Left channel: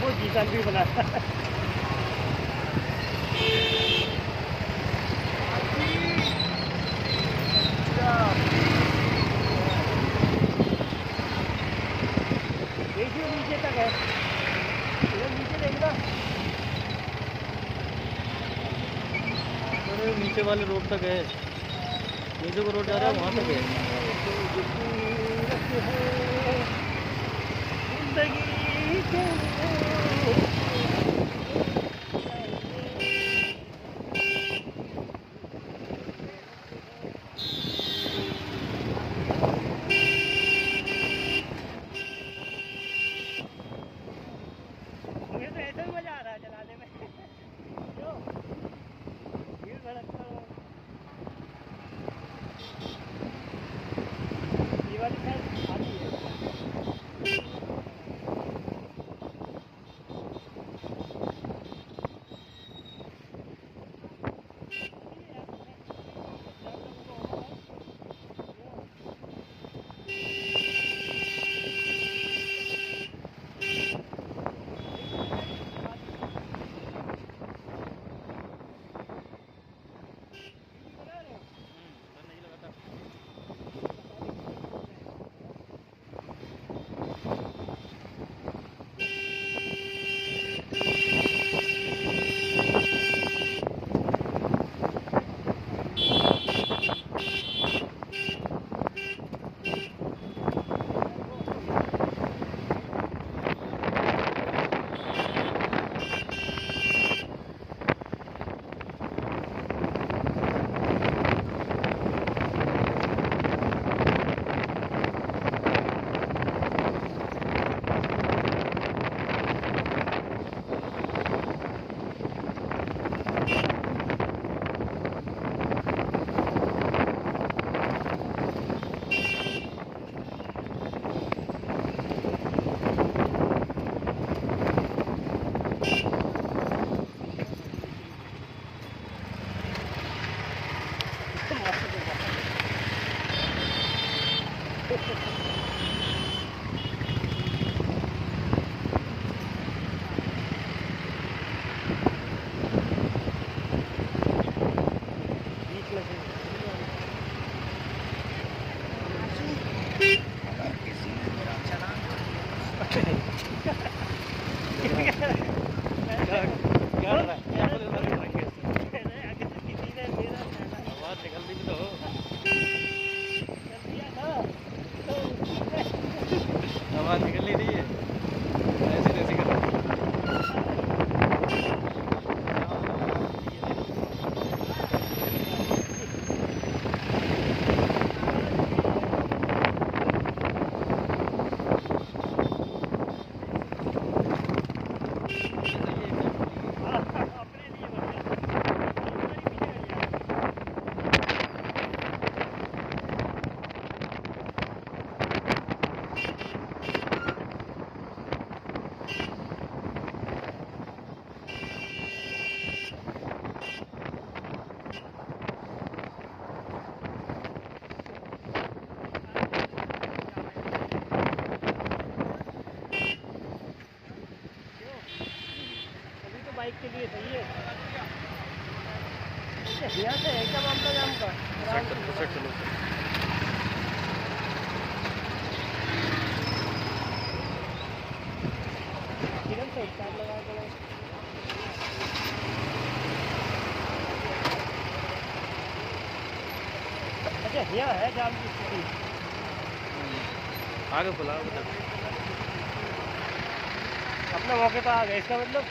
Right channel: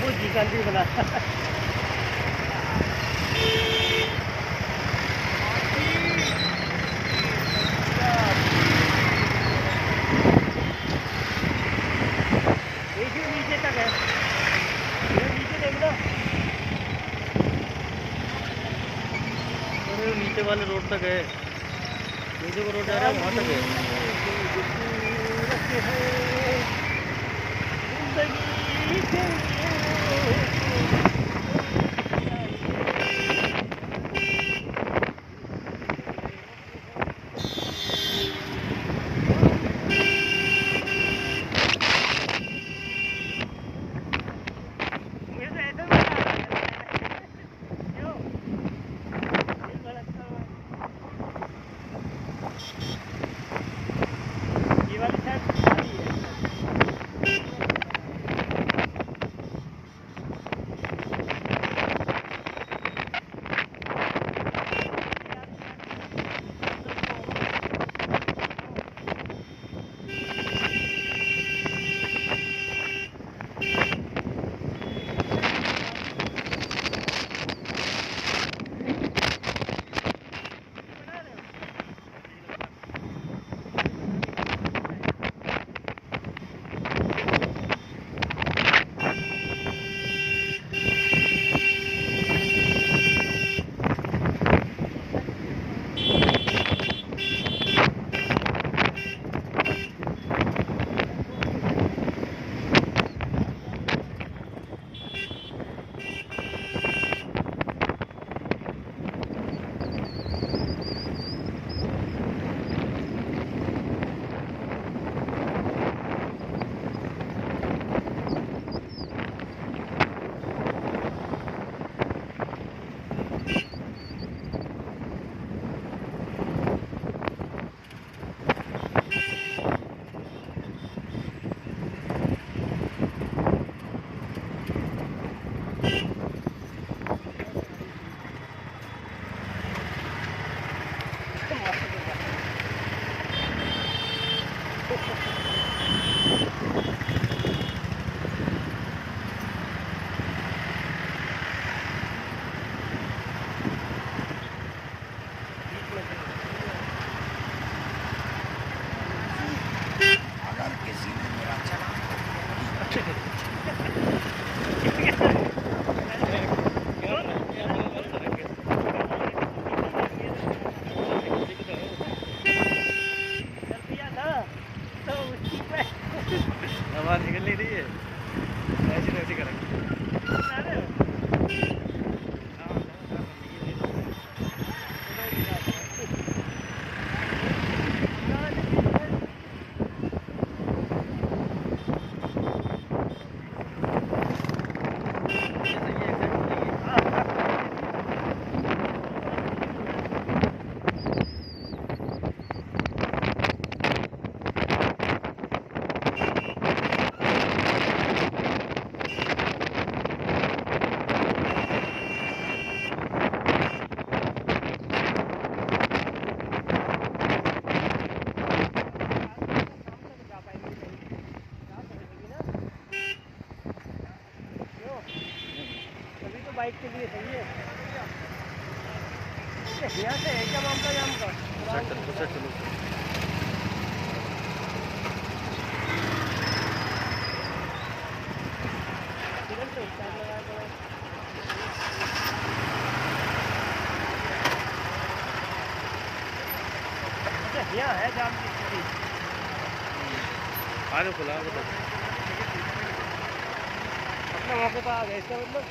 वो जीता भी बना नीचे तक है, नीचे देखना। अरे नीचे वाले रोड तक है, नीचे को रोड जा रहा है वहाँ तक है। जिंदगी के ये वाली साइड खाली है। हवा निकल नहीं रही है, ऐसे ऐसे कर बाइक के लिए सही है। यहाँ से है क्या मामला नाम का? चलो अच्छा यहाँ है जाम की स्थिति। आगे खुला अपना मौके पर आ गए इसका मतलब।